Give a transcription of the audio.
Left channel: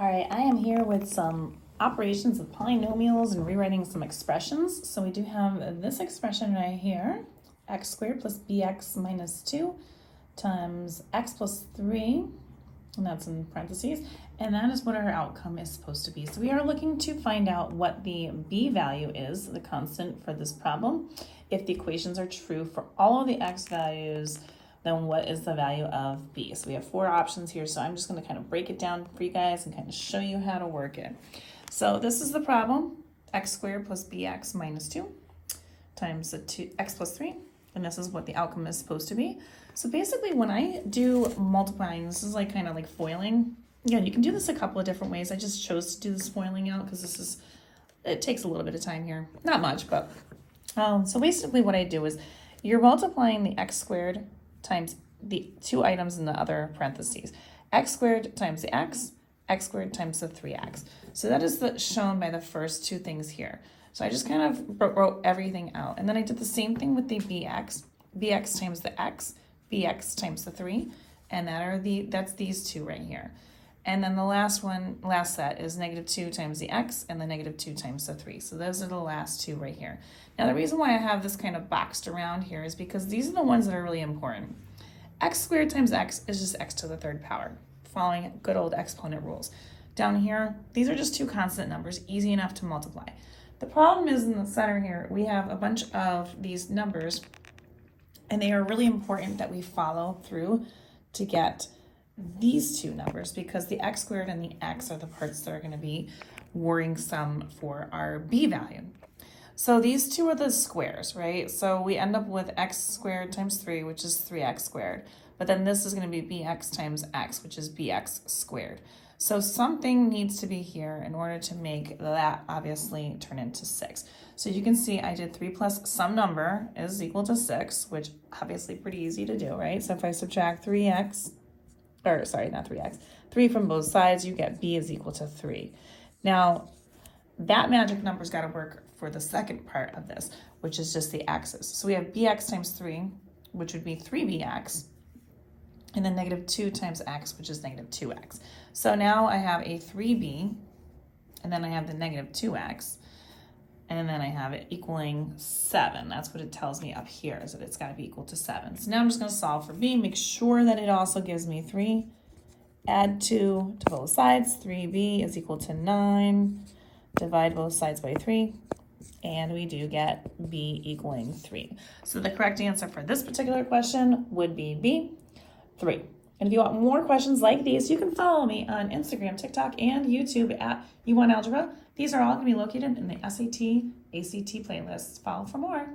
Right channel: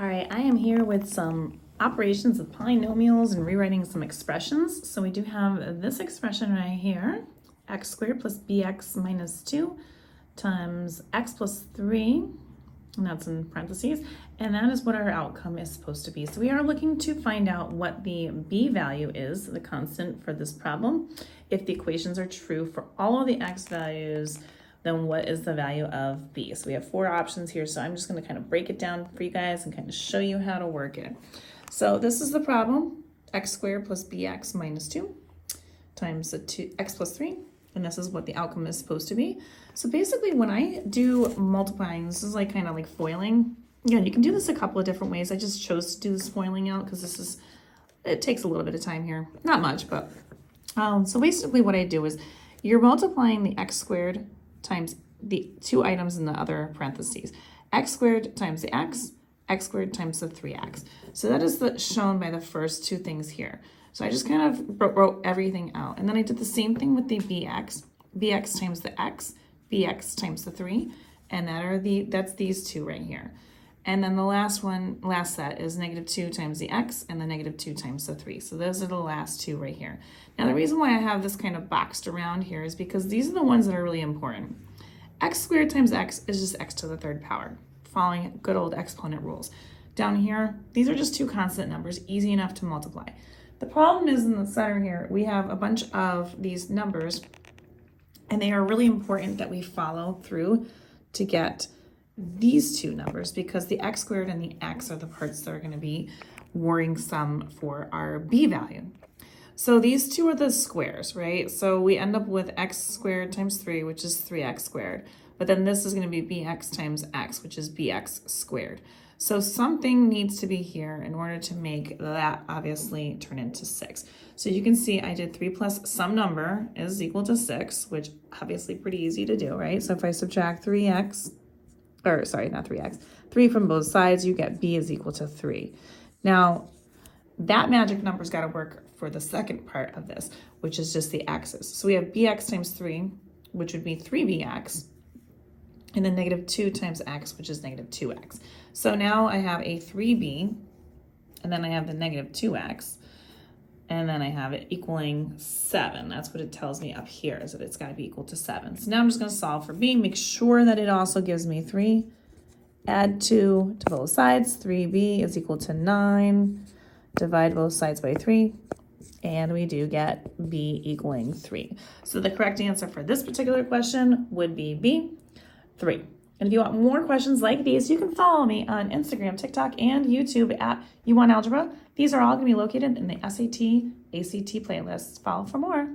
All right, I am here with some operations of polynomials and rewriting some expressions. So we do have this expression right here, x squared plus bx minus 2 times x plus 3, and that's in parentheses, and that is what our outcome is supposed to be. So we are looking to find out what the b value is, the constant for this problem. If the equations are true for all of the x values, then what is the value of b? So we have 4 options here, so I'm just going to kind of break it down for you guys and kind of show you how to work it. So this is the problem, x squared plus bx minus 2 times x plus 3, and this is what the outcome is supposed to be. So basically when I do multiplying, this is like kind of like foiling. Again, you can do this a couple of different ways. I just chose to do this foiling out because it takes a little bit of time here. Not much, but so basically what I do is you're multiplying the x squared times the 2 items in the other parentheses. X squared times the x squared times the 3x. So that is shown by the first 2 things here. So I just kind of wrote everything out. And then I did the same thing with the bx times the x, bx times the 3, and that's these 2 right here. And then the last set is negative 2 times the x and the negative 2 times the 3. So those are the last 2 right here. Now the reason why I have this kind of boxed around here is because these are the ones that are really important. X squared times x is just x to the 3rd power, following good old exponent rules. Down here, these are just 2 constant numbers, easy enough to multiply. The problem is in the center here, we have a bunch of these numbers, and they are really important that we follow through to get these 2 numbers, because the x squared and the x are the parts that are going to be worrisome for our b value. So these 2 are the squares, right? So we end up with x squared times 3, which is 3x squared. But then this is going to be bx times x, which is bx squared. So something needs to be here in order to make that obviously turn into 6. So you can see I did 3 plus some number is equal to 6, which obviously pretty easy to do, right? So if I subtract 3 from both sides, you get b is equal to 3. Now, that magic number's got to work for the second part of this, which is just the x's. So we have bx times 3, which would be 3bx, and then negative 2 times x, which is negative 2x. So now I have a 3b, and then I have the negative 2x, and then I have it equaling 7. That's what it tells me up here, is that it's got to be equal to 7. So now I'm just going to solve for b, make sure that it also gives me 3. Add 2 to both sides. 3b is equal to 9. Divide both sides by 3. And we do get b equaling 3. So the correct answer for this particular question would be B, 3. And if you want more questions like these, you can follow me on Instagram, TikTok, and YouTube at YouWantAlgebra. These are all going to be located in the SAT, ACT playlists. Follow for more.